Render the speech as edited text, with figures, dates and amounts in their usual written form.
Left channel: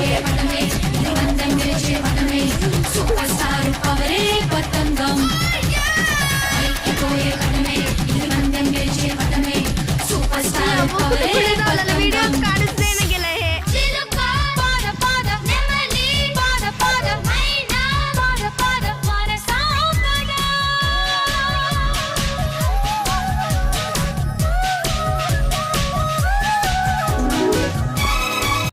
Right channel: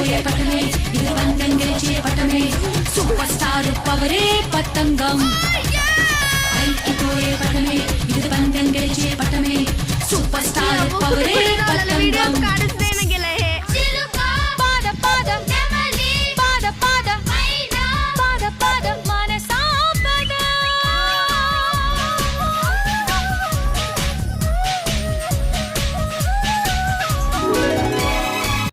అయిపోయే పటమే ఇది పందెం గెలిచే పటమే సూపర్ స్టార్ పవరే పతంగం అయిపోయే పటమే ఇది పందెం గెలిచే పటమే సూపర్ స్టార్ పవరే పతంగం